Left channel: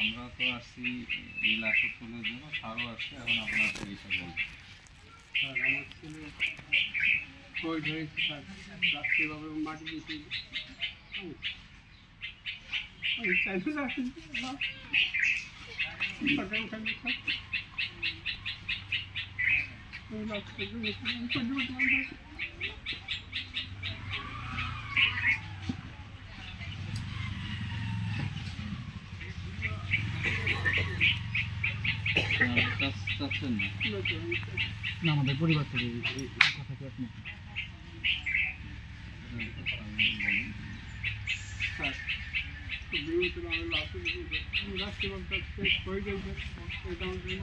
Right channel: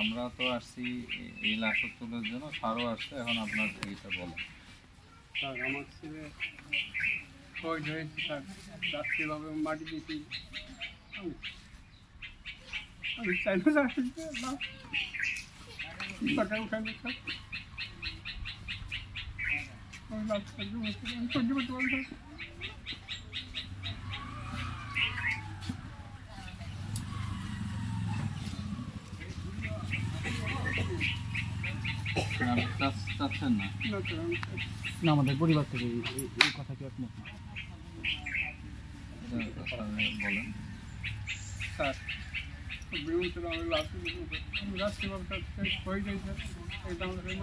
আমরা তো আসছি এই লাশ তোলার জন্য, স্যারও আসছে। এখন আপনার এইটা বলেন। স্যার আমার ছিল ওই ধরেছি স্যার, রাত্রিভাবে মাটি দিয়েছি। আমি চাইলে রাখছি না সরকার উঠাইনি স্যার। আমি লাভ সহ্য করতে পারি। না আমাদের পরিবার থেকে এই কথা কি আপনি বলেন। স্যার বিরুদ্ধে আমি রাত্রিভাবে হয়ে গেছে এটা আমাদের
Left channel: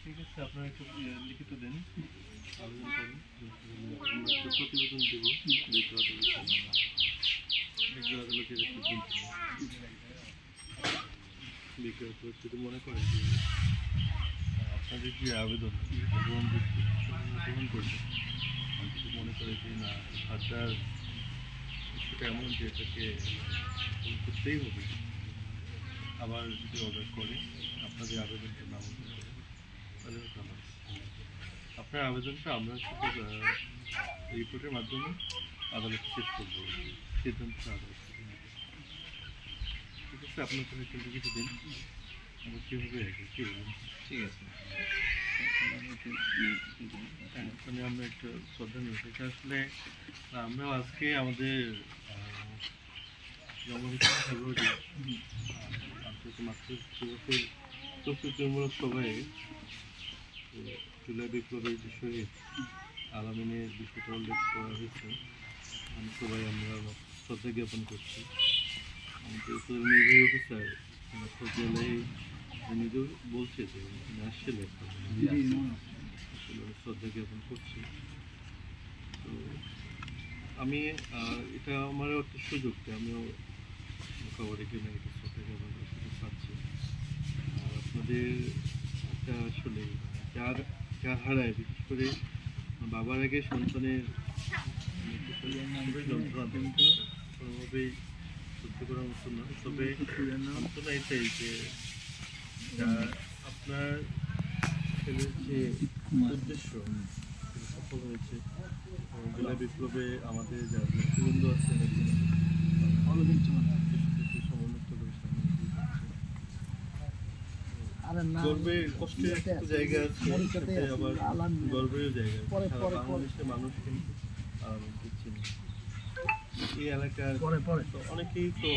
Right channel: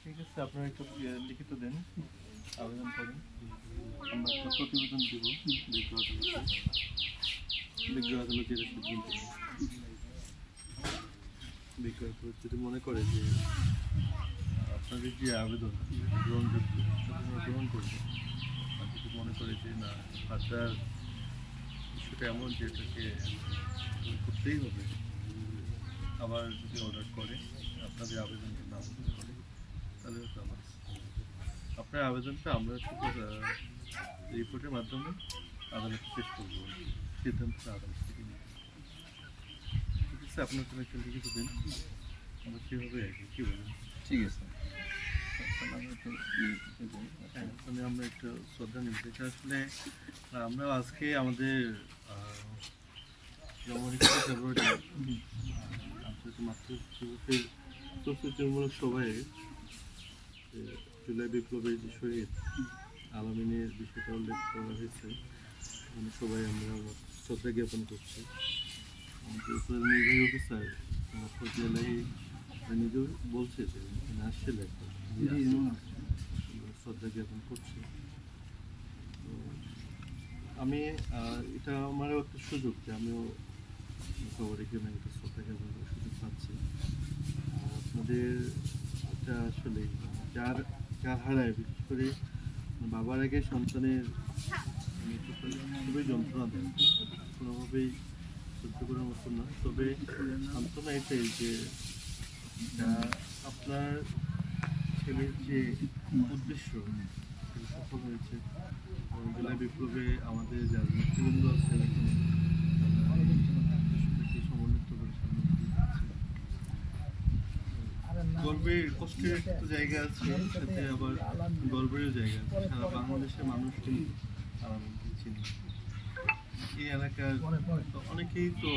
ঠিক আছে, আপনারা একটা লিখিত দেন, আবেদন করেন, আমরা একটা প্রতিবেদন দেব বিজ্ঞ আদালতে বিজ্ঞ আদালত যদি মনে করে যে আপনাদের যে আবেদন গ্রহণযোগ্য গ্রহণ করবে, আর যদি মনে করে যে না হাতটার ইস্যুটা এমন যে এটাকে করতেই হবে, আবার যদি অর্ডার করে আপনাদের আবেদনটা নামঞ্জুর করে, তাহলে হতো আমার আপনার আবেদনটা আমরা রিপোর্টের মাধ্যমে আদালতে পেশ করবো, সিদ্ধান্তটা আদালত থেকে নেবে। ঠিক আছে, আপনার কোনো একটা লিখিত দিন, আমরা কীভাবে কী বলেন? ঠিক আছে, হ্যাঁ, ওখানে আমরা একটু শ্রদ্ধা নিব। আসলে আমরা আজকে আমাদের ফেব্রুয়ারি আন্তর্জাতিক মাতৃভাষা দিবসের প্রস্তুতিমূলক সভায় জুলাই বিপ্লবের যে শহীদ আলামিনের বিষয়টা উল্লেখ করা হয়েছে। মানে সবাই আমরা শ্রদ্ধা জ্ঞাপন করছি। আমাদের উপরের নির্বাহী অফিসার ফজলাই নিজেও বলছে যে উনি আসছিলেন, শ্রদ্ধা জ্ঞাপন করছে। তো আমি এটা আমারও একটা সুযোগ যে আমিও খবরে কেউ না এটা শ্রদ্ধা জ্ঞাপন করার সুযোগ পাচ্ছি। আর আপনাদের এটা আসলে যার হারায়, বিশেষ করে বাবার আগে সন্তানের খুবই যন্ত্রণা দেয়, কোনোভাবেই সহ্য করার মতো না। তবে সান্ত্বনা এটাই যে আপনার ছেলের যে উদ্দেশ্য সেটা সফল হয়েছে। জুলাই বিপ্লবে আমাদের যারা নেতৃবৃন্দ আছেন এখনো দেশটাকে সমন্বিত করে সামনে এগিয়ে যাচ্ছে। গর্বের কষ্টের একটা জায়গা আছে, সাথে আবার গর্বেরও জায়গা আছে। সারা বাংলাদেশের মানুষ কিন্তু আলামিনকে চিনে। এই এলাকার অনেকেই তো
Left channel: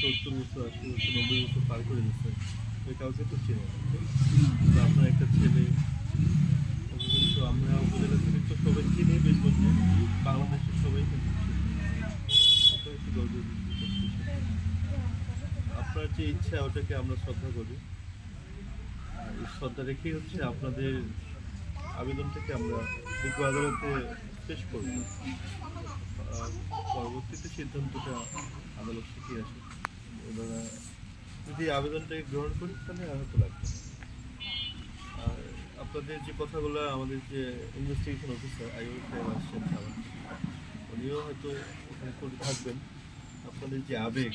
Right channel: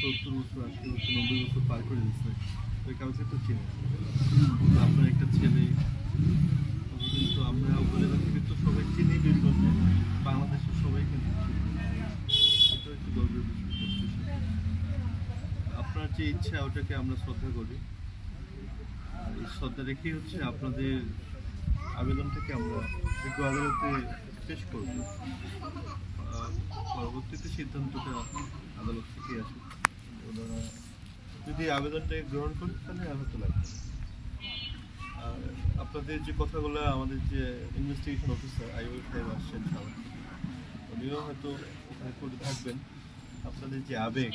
70 বছর, 80 বছর, 90 বছর পার করে দিচ্ছে, তো কাউকে তো চিনে। আপনার একটা ছেলে, কিন্তু আমরা উপজেলা থেকে তো সবাই চিনি, বীরগঞ্জে বাংলাদেশের সবাই কিন্তু চিনি। এটাও একটু গর্বের বিষয় করতেছে। আপনার যে ইচ্ছা ওটাকে আমরা শ্রদ্ধা করি, আর এই শ্রদ্ধা রেখেই হচ্ছে আপনাদের আবেদনটাকে আমরা বিজ্ঞ আদালতে পেশ করব। পরবর্তীতে সিদ্ধান্তটা আদালত থেকে আসে। ওনারা যদি আবেদনটাকে গ্রহণ করেন তাহলে হয়তো লাগবে। আর আপনাদের যে কথাগুলো আমাদের যে ইনভেস্টিগেশন অফিসার আইওই সাহেব আসছেন সাভার থেকে, উনিও হয়তো ওখানে করে থাকবেন। আপনাদের যে আবেগ,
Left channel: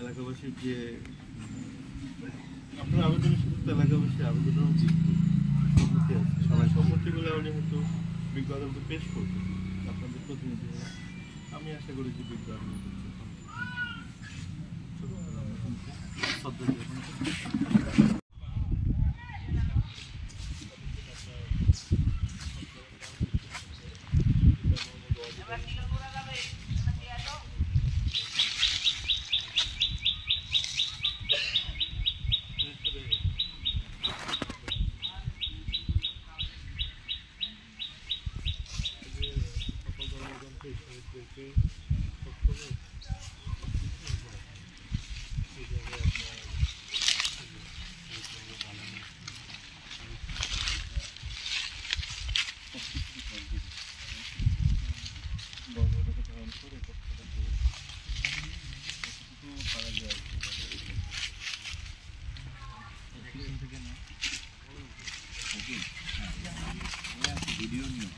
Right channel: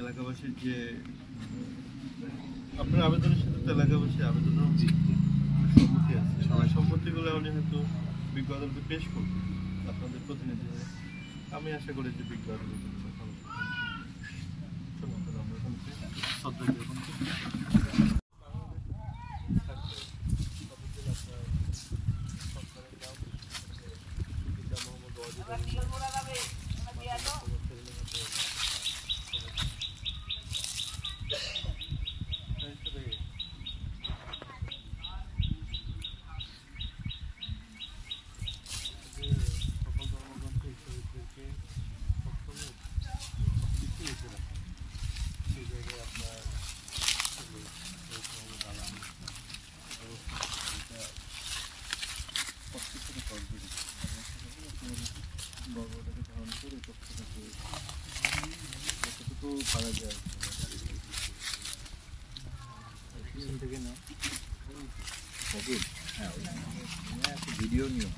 এলাকাবাসীর যে আপনার আবেদনের সাথে তো এলাকাবাসীর আবেদনেরও সম্মতি আছে, সবাই সম্মতিগুলো উনি হয়তো বিজ্ঞ আদালতে পেশ করবেন আপনাদের প্রতিনিধি হয়ে। আমি আশা করি যে বিজ্ঞ আদালত শ্রদ্ধা জ্ঞাপন গর্বটাকে ধারণ করে কষ্টটাকে যতটুকু পারা যায় থেকে না ভিডিও নিয়ে